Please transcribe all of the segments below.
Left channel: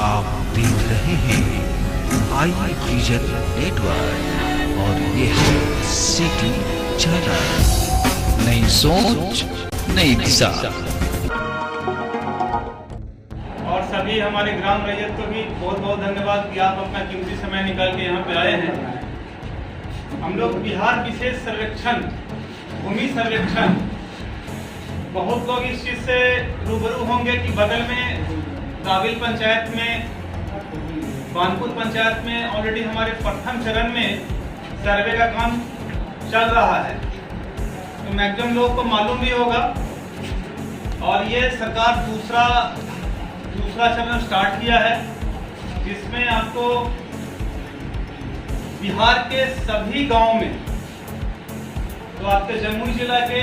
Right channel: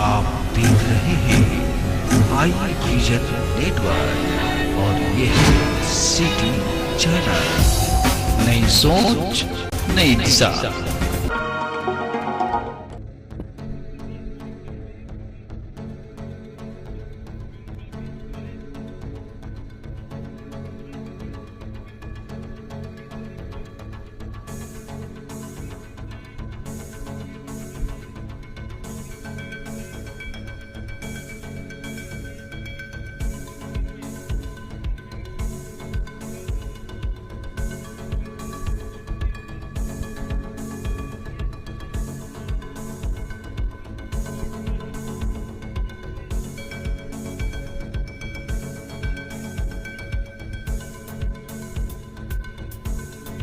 आप देख रहे हैं आई विजन नेटवर्क और ये है सिटी चैनल। नई सोच नई दिशा। और सभी हमारे ग्राम रैयत को भी बहुत बहुत धन्यवाद कि आप अपना कीमती समय निकाल के यहाँ पे आए हैं। हम लोग बिहार विशेष सर्वेक्षण, भूमि सर्वेक्षण, बहुत लोग इस चीज से रूबरू होंगे कि बगल में काबिल पंचायत में, कानपुर पंचायत में ऑलरेडी हमारे प्रथम चरण में सर्वे का काम चल रहा है, तो मैक्सिमम लोगों को मालूम भी होगा। और ये सरकार दूसरा चरण स्टार्ट किया है, जिसमें आपको बिहार के सभी गांव में, तो आपके जमुई जिला के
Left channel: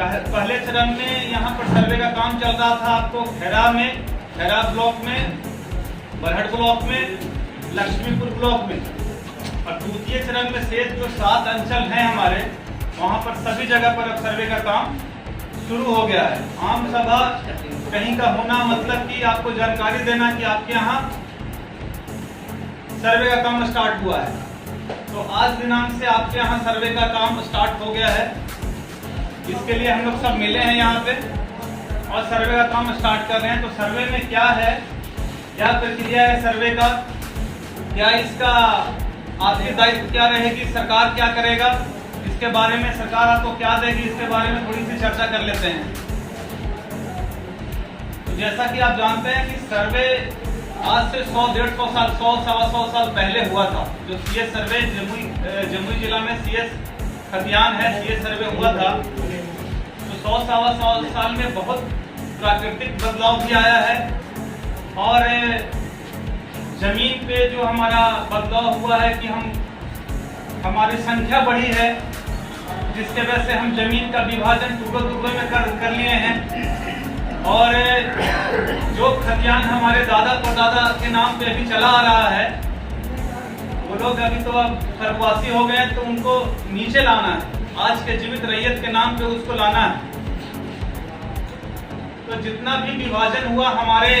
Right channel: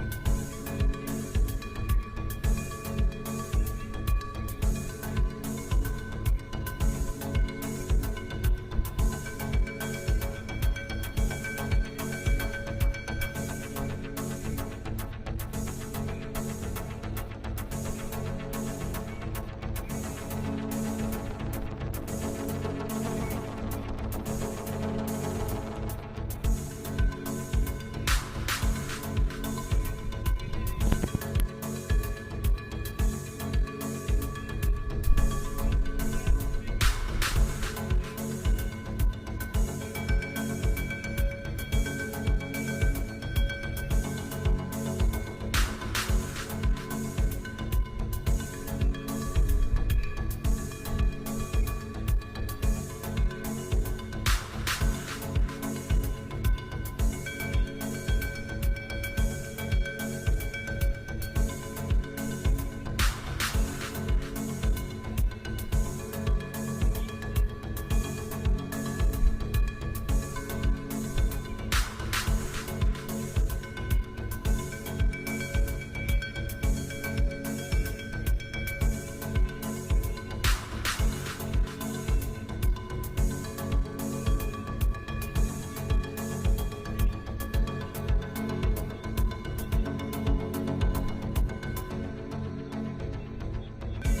पहले चरण में यहाँ पर सर्वे का काम चल रहा था। आपको खैरा ब्लॉक में, बरहट ब्लॉक में, लक्ष्मीपुर ब्लॉक में, और द्वितीय चरण में शेष जो 7 अंचल हैं हमारे, वहाँ पर सभी जगह पर अब सर्वे का काम शुरू हो गया है। आम सभा कहीं का होना मतलब कि आपको जानकारी देना कि आपके यहाँ सर्वे का काम स्टार्ट हुआ है। तो आज दिनांक से आपके यहाँ सर्वे का काम स्टार्ट हो गया है। इसके लिए हम लोग सब मिले हैं यहाँ पे और सर्वे का काम स्टार्ट कर रहे हैं। तो सर्वे में क्या है, क्या प्रक्रिया है सर्वे का, क्या इसका आर्थिक दायित्व क्या रहेगी, सरकार क्या करेगा, इसके बारे में सरकार आपको क्या देगी, इसके बारे में थोड़ी सी चर्चा कर लेते हैं। जैसा कि आप जानते हैं कि सर्वे आज से 100-150 साल, 100-125 साल पहले हुआ था। जो सीएस सर्वे जमुई जिला में सीएस खतियान है, सीएस सर्वे हुआ था। तो 100-125 साल में बहुत प्राकृतिक बदलाव भी आया है और जमीन पे जो हमारा बदलाव हुआ है कि हमारी संख्या बढ़ी है, जिसके वजह से हम जमीन का विभाजन टुकड़ों में कर लिए हैं। और जो खतियान हमारे दादा परदादा के नाम पे अभी चला आ रहा है, वो लोग अभी तो अब स्वर्गवासी हो गए, तो उनको नीचे लाना है, आज के जीवित रैयत के नाम पे उसको लाना है। तो जितना भी विभाजन हुआ हमारे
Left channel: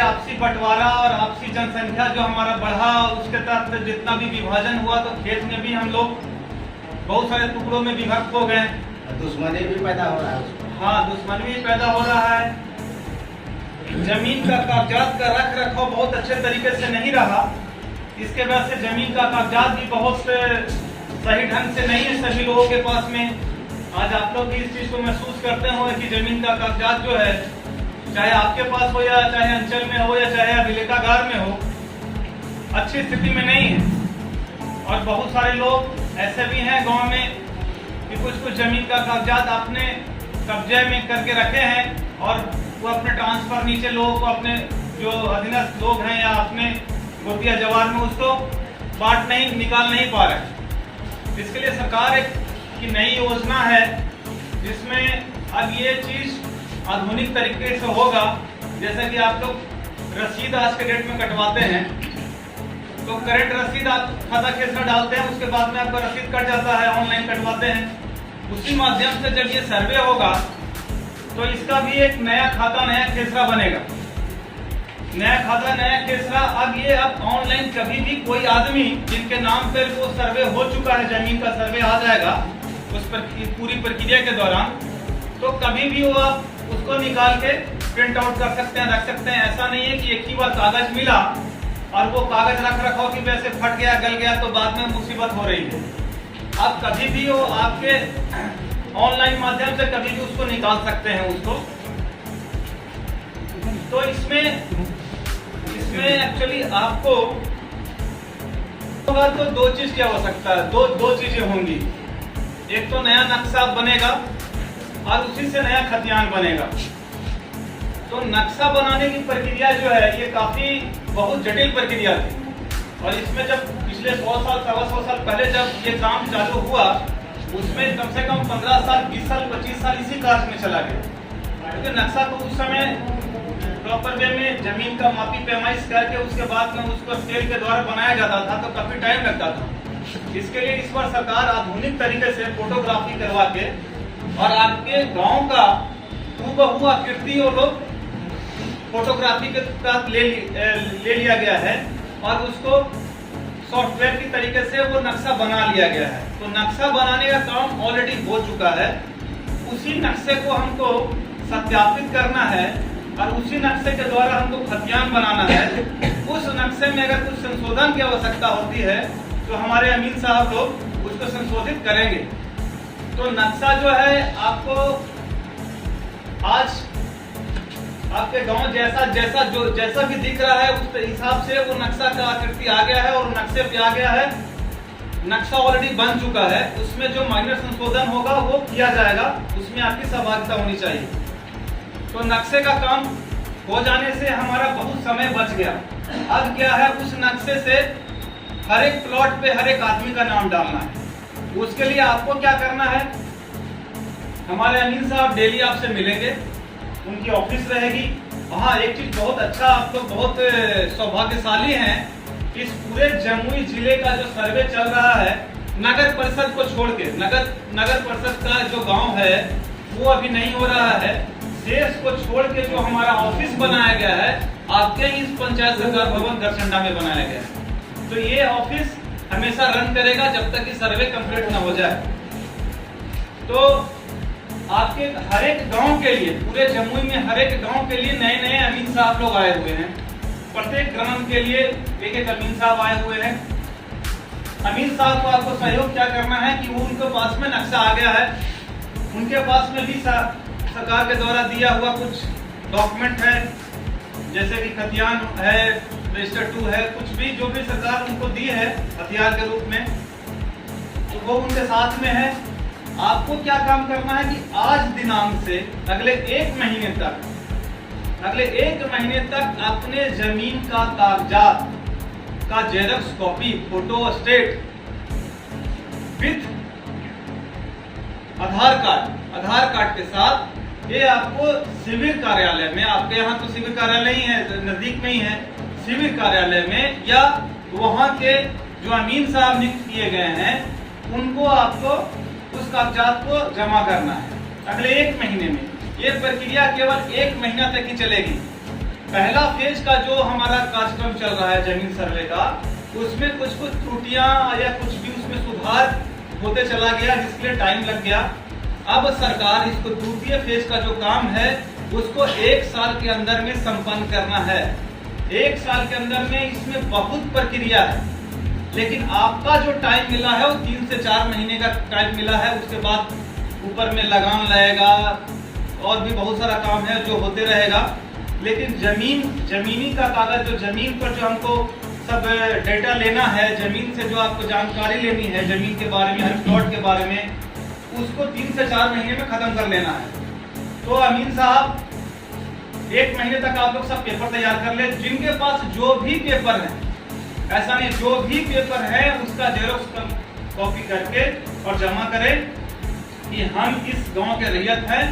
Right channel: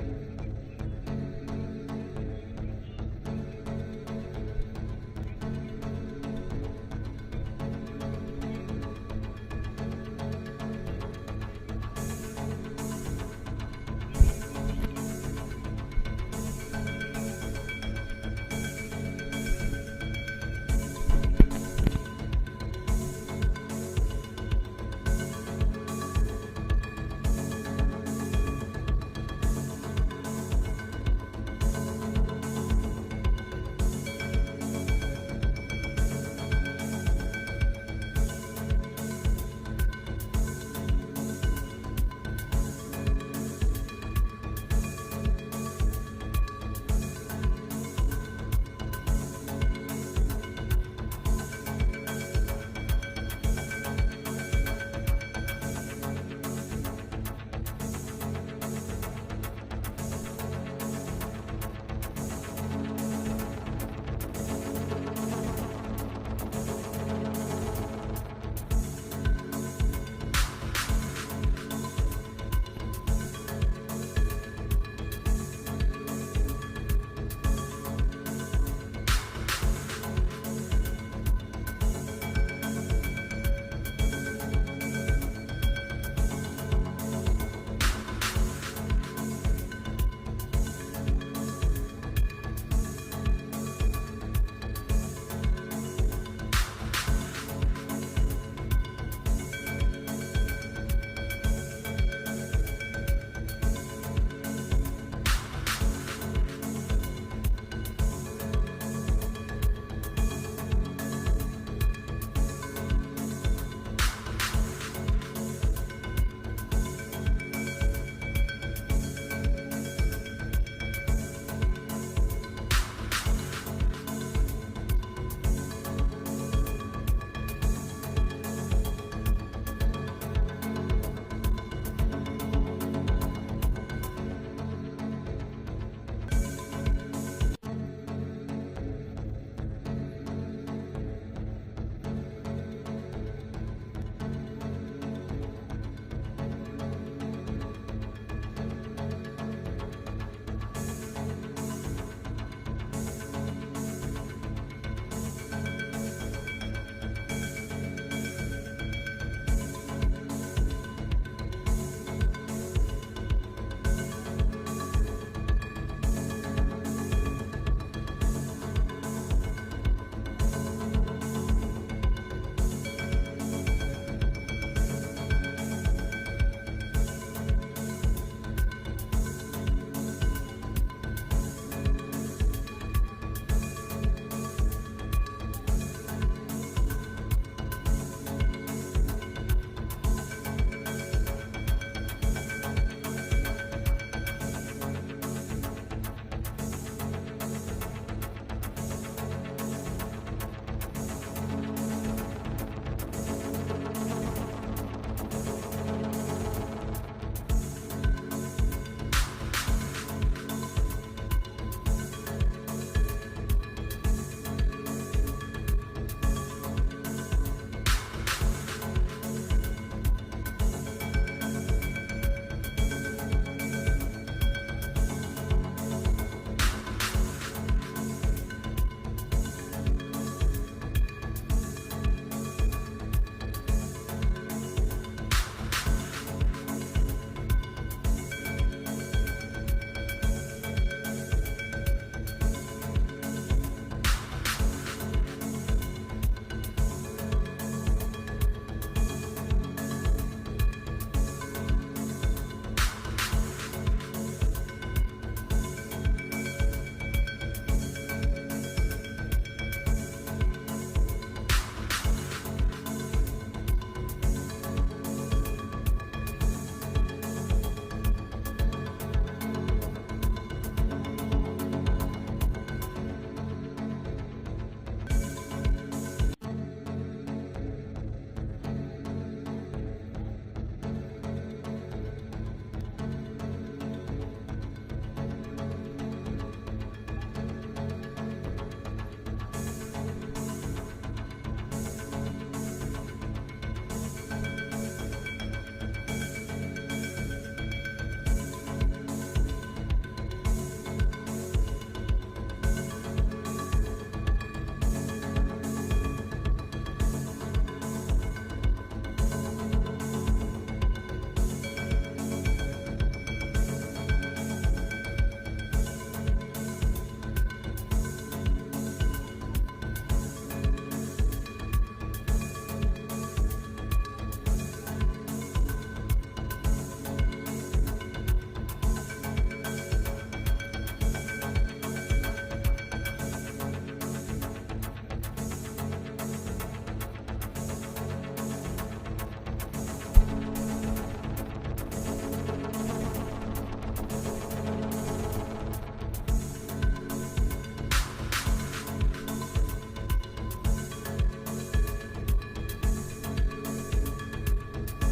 आपसी बंटवारा और आपसी जनसंख्या जो हमारा बढ़ा, उसके तहत जितना भी विभाजन हुआ, तो खेत में भी हम लोग बहुत सारे टुकड़ों में विभक्त हो गए। दुश्मनी भी पैदा हो रहा है। हाँ, दुश्मनी भी पैदा हो रहा है। जमीन का कागजात का रख रखाव बहुत अच्छे तरीके से नहीं रहा, इसके वजह से जमीन का कागजात भी बहुत सही ढंग से नहीं है सभी लोगों के पास में। आज आप लोग भी इस चीज को महसूस करते हो कि जमीन का कागजात जो है, चाहे आपके पास हो या चाहे अंचल में हो या चाहे अभिलेखागार में हो, अच्छी स्थिति में नहीं है। और बहुत सारे लोग ऐसे भी हैं गांव में कि कुछ जमीन का कागजात आपने कब्जे में करके रखे हैं और वो अपने ट्रांसफर नीचे लोगों को, अपने जो अधीनस्थ लोग हैं या अपने गोतिया जवान में, उसको निकाल नहीं पा रहे। इसके लिए सरकार की नई योजना है, जिसमें अब ये चीज आधुनिक तरीके से होगा। जैसे कि आप लोग रसीद आज के डेट में कटवाते हैं, तो करंट रसीद आप खाता खेसरा डालते हैं, उसके बाद में आपका रसीद कट जाता है, ऑनलाइन कटवाते हैं। उसी माध्यम से जब ये सर्वे होगा, तो इसका भी एक नया खाता, नया खेसरा बनेगा। नया खाता, नया खेसरा। अब ऑनलाइन कभी भी कोई आदमी जिनके नाम पर वो सर्वे हो चुका है, जमीन का सर्वे आ जाएगा उस पर पूरी प्रक्रिया के दौरान, तो कभी भी वो आप उसको निकाल के प्रिंट आउट कर सकते हैं, रख सकते हैं। ऐसा नहीं है कि एक ही बार कागज मिला और वो कागज रख रखाव की वजह से फट गया, गल गया, तो बाद में मुसीबत हो रही है। आप कभी भी वो आपके ऑनलाइन माध्यम से कभी भी उसको निकाल सकते हैं उसको। तो इसमें एक्चुअली आपको तो 2 चीज की आवश्यकता है, दो चीजें होंगी। एक तो नया नक्शा बनेगा और उसी से नया खतियान बनेगा। तो नक्शा बनाने की प्रक्रिया जो है, ये काफी बहुत जटिल प्रक्रिया थी। और इसमें जब पिछले 100 साल, 125 साल पहले जब ये काम चालू हुआ, उसमें कम से कम 15 साल, 20 साल, 25 साल इसी कार्य में चला गया। क्योंकि नक्शा को उस समय प्रॉपर वे में जमीन का मापी पैमाइश करके उसके बाद में उसको स्केल के द्वारा बनाया जाता था, तो काफी टाइम लगता था। इसके लिए इस बार सरकार आधुनिक तरीके से फोटोग्राफी करवा के और आपके गांव का हूबहू आकृति वो लोग फोटोग्राफी के साथ ले लिया गया है और उसको सॉफ्टवेयर की तरीके से वो नक्शा बना लिया गया है। तो नक्शा बनाने का काम ऑलरेडी हो चुका है। उसी नक्शे को हमको सत्यापित करना है और उसी नक्शे के द्वारा हमको खतियान बनाना है। उस नक्शे में अगर कुछ संशोधन की आवश्यकता होती है तो हमारे अमीन साहब लोग उसको संशोधित करेंगे। तो नक्शा जो है आपको आज आपके गांव जैसा भी दिख रहा है उस हिसाब से वो नक्शा का आकृति आ गया है और नक्शे पे आ गया है। नक्शा ऑलरेडी बन चुका है, उसमें जो माइनर संशोधन होगा वो किया जाएगा, उसमें आपकी सहभागिता होनी चाहिए। तो नक्शे का काम हो जाने से हमारा बहुत समय बच गया। अब क्या है, उस नक्शे से हर एक प्लॉट पे हर एक आदमी का नाम डालना है। उसके लिए आपको क्या करना है, हमारे अमीन साहब डेली आपसे मिलेंगे, उनकी ऑफिस रहेगी वहाँ। एक चीज बहुत अच्छा, आप तो बहुत सौभाग्यशाली हैं, इस पूरे जमुई जिले का जो सर्वे चल रहा है नगर परिषद को छोड़ के, नगर परिषद का जो गांव है वो अभी नहीं हो रहा है, देश को छोड़ के जो हमारा ऑफिस बनाया गया है आपके इस पंचायत सरकार भवन गरचंडा में बनाया गया। तो ये ऑफिस हमेशा रन करेगा जब तक कि सर्वे कंप्लीट ना हो जाए। तो आपके हर एक गांव के लिए, पूरे जमुई में हर एक गांव के लिए नए नए अमीन साहब लोग आए हुए हैं। प्रत्येक ग्राम के लिए एक एक अमीन साहब आए हुए हैं। अमीन साहब को आपको सहयोग क्या करना है कि वो उनके पास में नक्शा आ गया है, उनके पास में भी सरकार के द्वारा दिया हुआ कुछ डॉक्यूमेंट है, जैसे कि खतियान है, रजिस्टर 2 है, कुछ भी जो भी सरकार उनको दी है हथियार के रूप में, तो वो उनके साथ में है। आपको क्या काम करना है कि आज दिनांक से अगले 1 महीने तक अपने जमीन का कागजात का xerox copy, photo state with Aadhaar card के साथ ये आपको शिविर कार्यालय में, आपके यहाँ तो शिविर कार्यालय ही है, नजदीक में ही है, शिविर कार्यालय में या वहाँ के जो अमीन साहब नियुक्त किए गए हैं उनको आपको उस कागजात को जमा करना है अगले 1 महीने में। ये प्रक्रिया केवल 1 महीना तक ही चलेगी। पहला फेज का जो हमारा कार्यक्रम चल रहा है जमीन सर्वे का, उसमें कुछ त्रुटियां या कुछ भी उसमें सुधार होते चला गया, जिसके टाइम लग गया। अब सरकार इसको द्वितीय फेज का जो काम है उसको 1 साल के अंदर में संपन्न करना है। 1 साल के अंदर में इसमें बहुत प्रक्रिया है, लेकिन आपका जो टाइम मिला है वो 3 से 4 महीने का टाइम मिला है। उसके बाद ऊपर में लगान लगेगा और भी बहुत सारा काम है जो होते रहेगा। लेकिन जमीनी का कागज, जो जमीन पर जो हमको सब डेटा लेना है, जमीन से जो आपको जानकारी लेनी है जमीन के बारे में, हर प्लॉट के बारे में, उसको 3 से 4 महीने में खत्म कर लेना है। तो अमीन साहब 1 महीने तक आप लोग सब पेपर तैयार कर ले। जिनके पास जो भी पेपर है, ऐसा नहीं, जो भी पेपर है उसका जेरॉक्स कॉपी करके और जमा करें कि हम इस गांव के रैयत हैं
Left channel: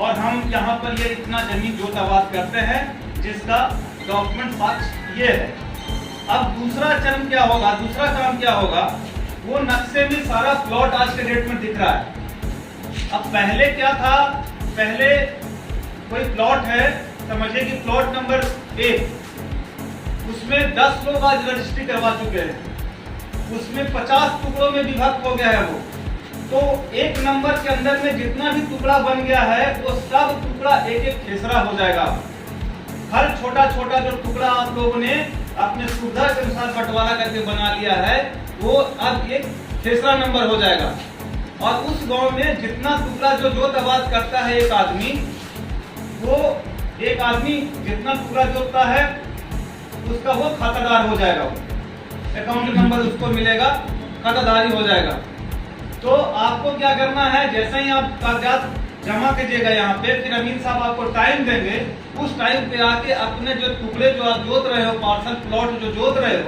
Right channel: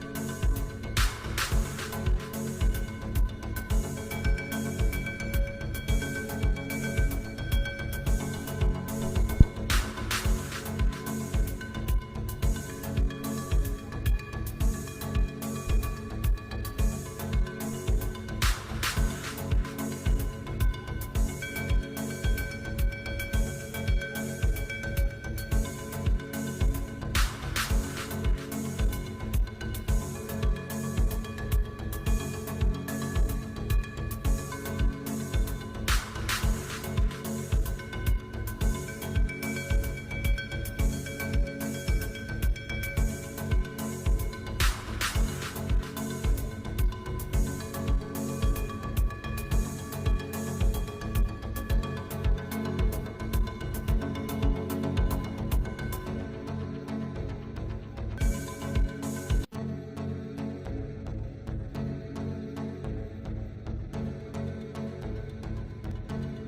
और हम यहाँ पर ये इतना जमीन जोतावाद करते हैं, जिसका डॉक्यूमेंट पक्ष ये है। अब दूसरा चरण क्या होगा, दूसरा काम क्या होगा, वो नक्शे में सारा प्लॉट आज के डेट में दिख रहा है। अब पहले क्या था, पहले कोई प्लॉट है, समझिए कि प्लॉट नंबर 1, उसमें 10 लोग आज रजिस्ट्री करवा चुके हैं, उसमें 50 टुकड़ों में विभक्त हो गया है वो। तो 1 नंबर के अंदर में जितना भी टुकड़ा बन गया है वो सब टुकड़ा एक खेसरा हो जाएगा। हर छोटा छोटा जो टुकड़ा आप लोगों ने अपने सुविधा के अनुसार बंटवारा करके बना लिया है वो अब एक खेसरा नंबर हो जाएगा। और उस गांव में जितना टुकड़ा जो जोतावाद करता है एक आदमी, वो एक आदमी जितना टुकड़ा जोतता है उसका वो खातादार हो जाएगा, अकाउंट नंबर उसको मिलेगा, खातादारी हो जाएगा। तो आपको क्या करना है, जैसे ही आप कागजात जमा कीजिएगा यहाँ पे, फिर अमीन साहब आपको टाइम देंगे, उस टाइम पे आके अपने जो टुकड़े जो आप जोत रहे हो, पार्सल प्लॉट जो जोत रहे हो,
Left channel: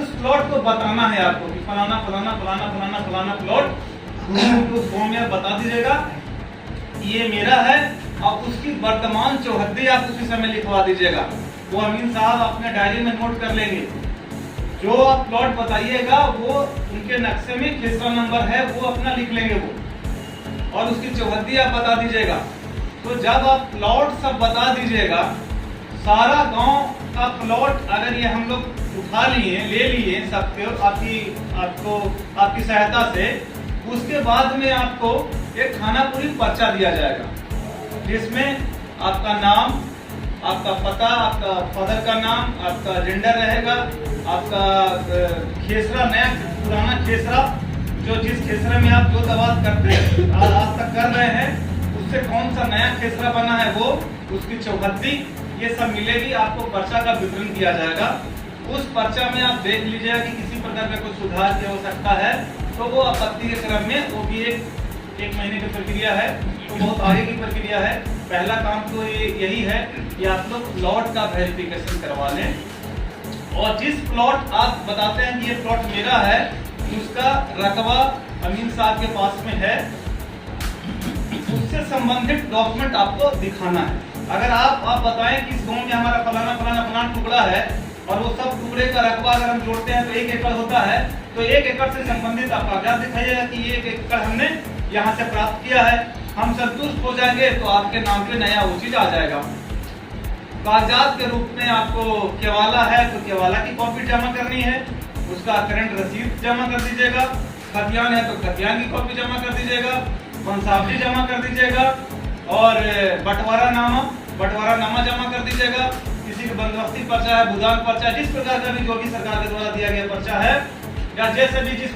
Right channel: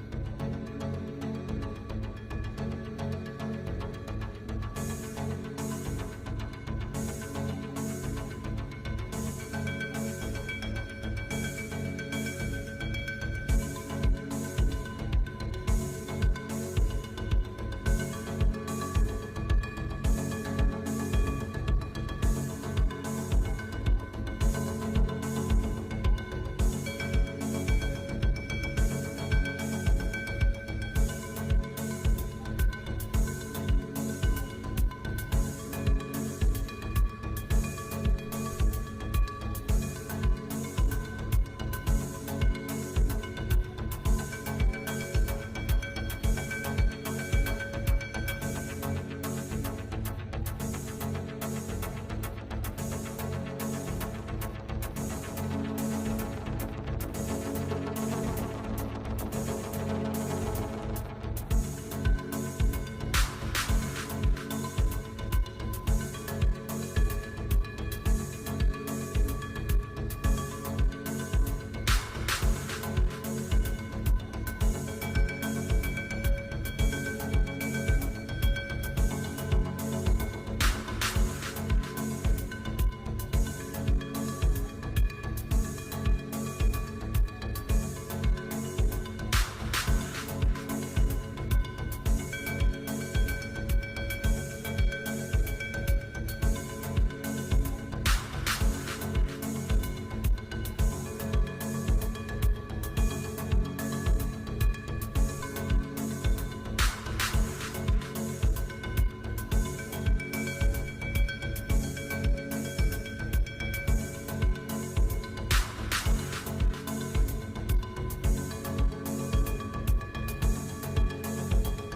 उस प्लॉट को बताना है आपको कि फलाना फलाना फलाना फलाना फलाना प्लॉट उस गाँव में बता दीजिएगा ये मेरा है, और उसकी वर्तमान चौहद्दी आप उसी समय लिखवा दीजिएगा। वो अमीन साहब अपने डायरी में नोट कर लेंगे। जो आप प्लॉट बताइएगा वो उनके नक्शे में खेसरा नंबर है, वो अपना लिख लेंगे वो, और उसकी चौहद्दी आप बता दीजिएगा। तो जब आप प्लॉट सब बता दीजिएगा, सारा गांव का प्लॉट अगर ये हम लोग उठा लिए, ले लिए सबके आपकी सहायता से, उसके बाद में आपको एक खानापुरी पर्चा दिया जाएगा, जिसमें आपका नाम, आपका पता, आपका फादर का नाम, आपका जेंडर रहेगा, आपका खेसरा, नया पुराना खेसरा, जो जिस खेसरे में आप जो दवा करते आज तक कर रहे हैं, उससे कौन सा नया खेसरा बना है वो, उसकी चौहद्दी, ये सब मिलेगी। आपको पर्चा का विवरण दिया जाएगा। उस पर्चा में आप देख लीजिएगा कि किसी प्रकार का कोई सुधार की आवश्यकता है तो वो आपत्ति के क्रम में, वो भी एक महीने की प्रक्रिया है, तो बहुत आगे की प्रक्रिया है। पहला काम तो यही है कि आप लोग प्लॉट का वेरिफिकेशन करवा लें, और जिस प्लॉट आप बताते हैं कि ये प्लॉट मेरा है, उसका रकबा अमीन साहब के पास में है, उससे संबंधित डॉक्यूमेंट आपको दिखाना है। अगर आप बताएं कि इस गाँव में हमारा फलाना फलाना फलाना टुकड़ा है और वो सब टुकड़े का रकबा अगर हम जोड़ते हैं तो 1 एकड़ होता है, तो 1 एकड़ से संबंधित आप कागजात दिखाइएगा कि ये 1 एकड़ हमने यहाँ से प्राप्त किया है। हम संतुष्ट हो जाएंगे तो आपके नाम पे नया उचित आ जाएगा। कागजात के रूप में आपको केवाला है तो केवाला की कॉपी जमा करनी है, उसका करंट रसीद जमा कर दीजिएगा। खतियान है तो खतियान की कॉपी जमा कर दीजिएगा, वंशावली जमा कर दीजिएगा, और बंटवारा नामा जमा कर दीजिएगा। किसी को बंदोबस्ती पर्चा है, भूदान पर्चा है, जिस प्रकार का भी जो भी सरकार के द्वारा दिया गया पर्चा है, या जैसे भी जिस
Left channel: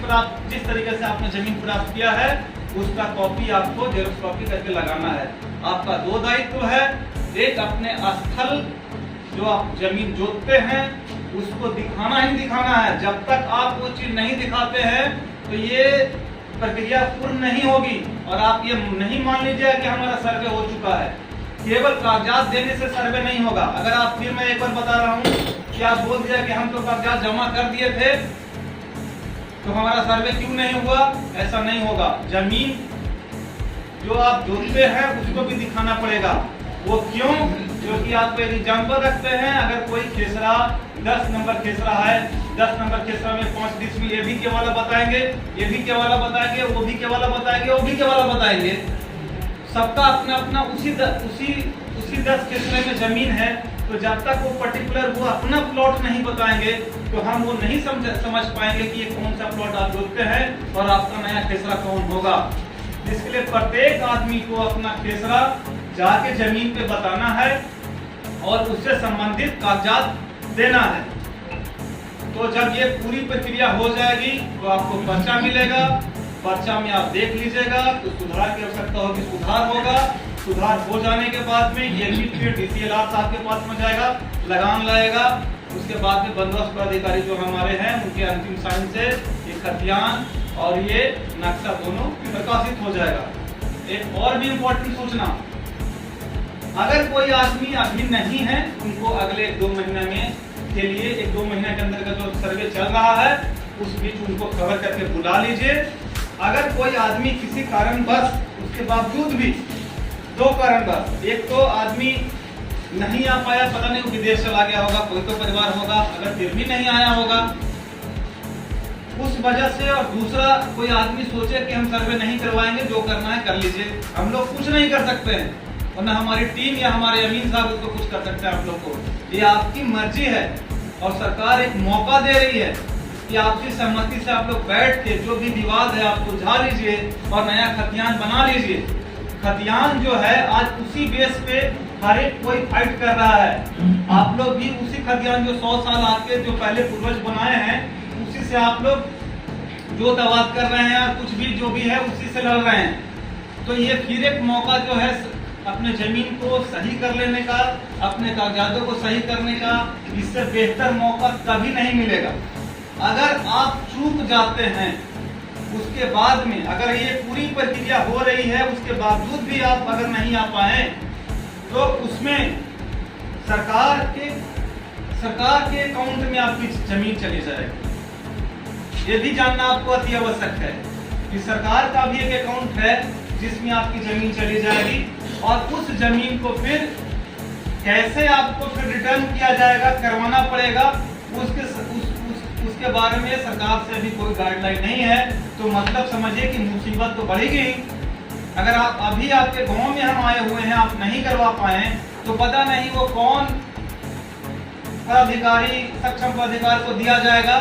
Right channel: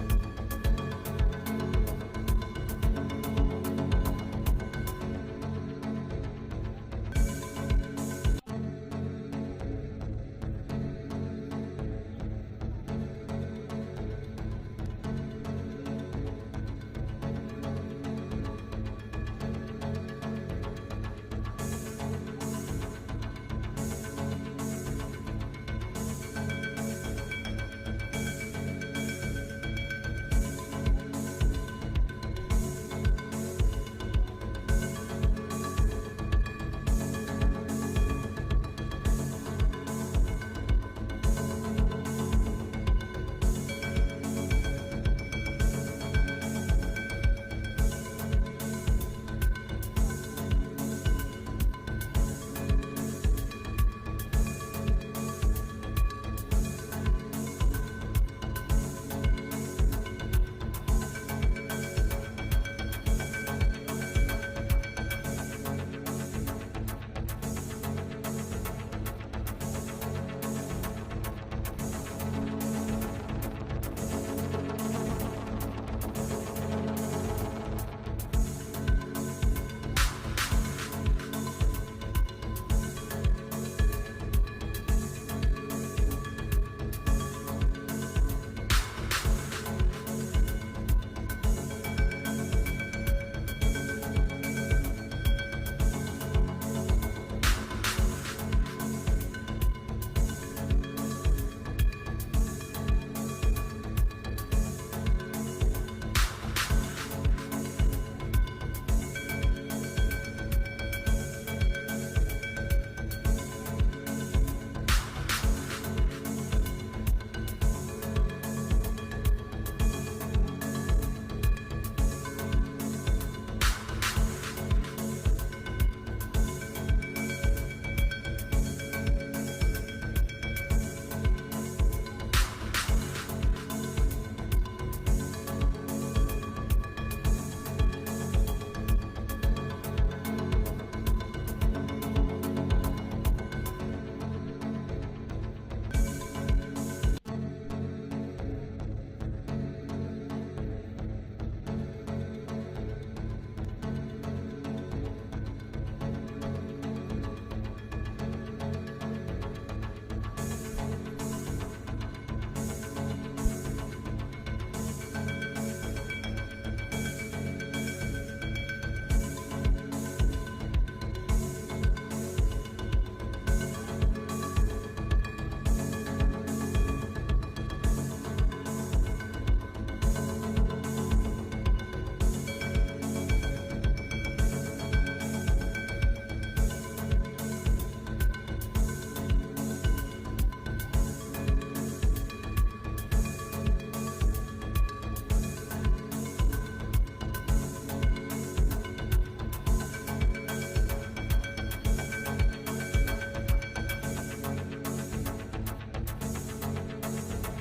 तरीके से आपने जमीन प्राप्त किया है, उसका कॉपी आपको जेरॉक्स कॉपी करके लगाना है। आपका 2 दायित्व है, एक अपने स्थल जो आप जमीन जोतते हैं उसको दिखाना ही दिखाना है। जब तक आप वो चीज नहीं दिखाते हैं तो ये प्रक्रिया पूर्ण नहीं होगी, और आप ये नहीं मान लीजिए कि हमारा सर्वे हो चुका है। केवल कागजात देने से सर्वे नहीं होगा। अगर आप, फिर मैं एक बार बता रहा हूँ कि आप बोल दिया कि हम तो कागजात जमा कर दिए थे तो हमारा सर्वे क्यों नहीं हुआ, ऐसा नहीं होगा। जमीन जो आप जोतते हैं उसको भी दिखाना पड़ेगा। वो क्यों? क्योंकि आप एक एग्जाम्पल रखते हैं, अगर कोई खेसरा 10 नंबर खेसरा है, 10 नंबर खेसरा में 5 डिसमिल ये भी के वाला बताएंगे, ये भी के वाला बताएंगे, वो भी के वाला बताएंगे, वो भी के वाला बताएंगे। सबका अपना अपना उसी 10 खेसरे में जमीन है, तो जब तक वो पर्टिकुलर वो अपना प्लॉट नहीं बताएंगे तो हम वो नहीं समझ पाएंगे कि ये कौन सा प्लॉट आप जोतते हैं और आपका नया खेसरा कौन होगा। इसके लिए प्रत्येक आदमी को अपना खेसरा जाके जमीन पे बताना है और उससे संबंधित कागजात देना है। तो जब ये पूरी प्रक्रिया हो जाएगी तो आपको पर्चा मिलेगा। पर्चा में आप देख लीजिएगा तो सुधार की आवश्यकता होगी, सुधार होगा। सुधार हो जाने के बाद में ये फिर DCLR साहब के पास में जाएगा, लगान लाएगा। उसके बाद में बंदोबस्त अधिकारी जो हमारे हैं उनके अंतिम साइन से ये खतियान और ये नक्शा दोनों प्रकाशित हो जाएगा। एक और भी इम्पोर्टेंट सूचना, अगर कोई आदमी अभी नहीं है, उनको अगले 2 महीने में के लिए 1-2 महीने के अंदर का जो सर्वे चल रहा है उस बीच उनको कवर करके बुला लीजिए। अगर कोई आदमी किसी कारणवश उसके बावजूद भी 2 कारणवश, एक तो आदमी नहीं आ पाया, पता नहीं विदेश चला गया होगा, कोई तो परिवार होगा, अगर फिर भी नहीं आया होगा उस वजह से, और दूसरा कोई आदमी सोचे कि हम सर्वे नहीं करवाएंगे, जो करना है कर लीजिए, हम लोग कुछ नहीं कर सकते हैं, और न हमारी टीम या हमारे अमीन साहब उसको कुछ कर सकते हैं। आप लोग को ये आपकी मर्जी है, और सरकार एक मौका दे रही है कि आपकी सहमति से आप लोग बैठ के जो भी विवाद है आप सुलझा लीजिए और नया खतियान बना लीजिए। खतियान जो है आज उसी बेस पे हर एक कोई फाइट कर रहा है। आप लोग भी उसी खतियान जो 100 साल आपके जो पहले पूर्वज बनाए हैं उसी से आप लोग जो दवात कर रहे हैं, कुछ भी जो भी है उसी से लड़ रहे हैं। तो ये फिर एक मौका जो है अपने जमीन को सही कर लेने का, अपने कागजातों को सही करने का, इससे बेहतर मौका कभी नहीं मिलेगा। अगर आप चूक जाते हैं उसके बाद में, अगर ये पूरी प्रक्रिया हो रही है उसके बावजूद भी आप अगर नहीं आ पाए तो उसमें सरकार के अकाउंट में आपकी जमीन चली जाएगी। ये भी जानना आपको अति आवश्यक है कि सरकार का भी एक अकाउंट है जिसमें आपकी जमीन चली जाएगी, और उस जमीन को फिर कैसे आपको फिर रिटर्न किया जाएगा, करवाना पड़ेगा, उसके बारे में सरकार से भी कोई गाइडलाइन नहीं है। तो मतलब समझिए कि मुसीबत तो बढ़ेगी ही। अगर आप अभी आपके गांव में हम आए हुए हैं, आप नहीं करवा पाए, तो पता नहीं वो कौन पदाधिकारी, सक्षम पदाधिकारी को दिया जाएगा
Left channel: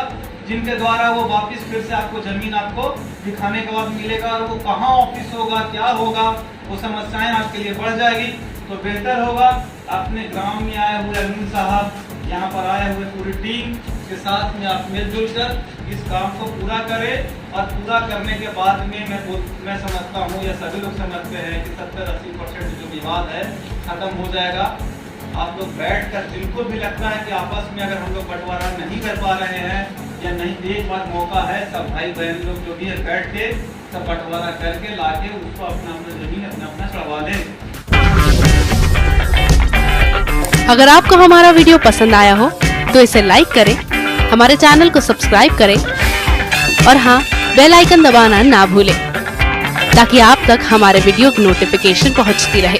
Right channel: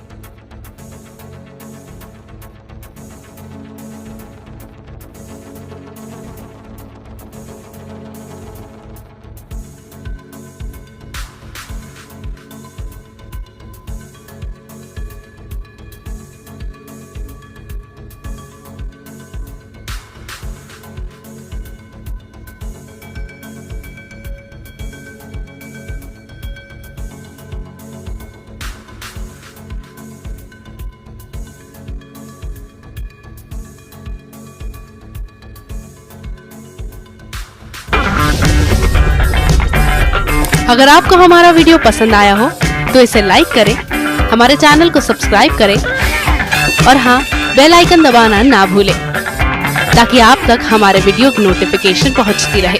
जिनके द्वारा वो वापस फिर से आपको जमीन आपको दिखाने के बाद मिलेगा, और वो कहाँ ऑफिस होगा, क्या होगा, वो समस्याएं आपके लिए बढ़ जाएगी। तो बेहतर होगा अपने गांव में आए हुए अरुण साहब, यहाँ पर आए हुए पूरी टीम के साथ में आप मिलजुल कर इस काम को पूरा करें, और पूरा करने के बाद में मैं समझता हूँ, या सभी लोग समझते हैं कि 70-80% जो विवाद है खत्म हो जाएगा। आप लोग बैठ कर, जिनको भी लगता है कि आपस में अगर हम लोग बंटवारा नहीं कर पा रहे हैं या नहीं, एक बार मौका है, सब भाई बहन लोग जो भी है बैठ के सब बंटवारा करके लाके उसको अपना जमीन अपना चढ़वा लें। अगर आपको हमारा वीडियो पसंद आया हो तो इसे लाइक करें, हमारे चैनल को सब्सक्राइब करें और हाँ, बेल आइकन दबाना ना भूलें ताकि आप तक हमारे वीडियो की नोटिफिकेशन पहुंचती रहे।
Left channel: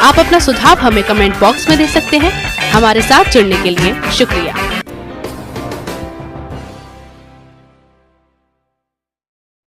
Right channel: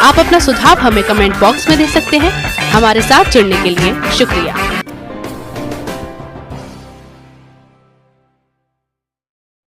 आप अपना सुझाव हमें कमेंट बॉक्स में दे सकते हैं। हमारे साथ जुड़ने के लिए शुक्रिया।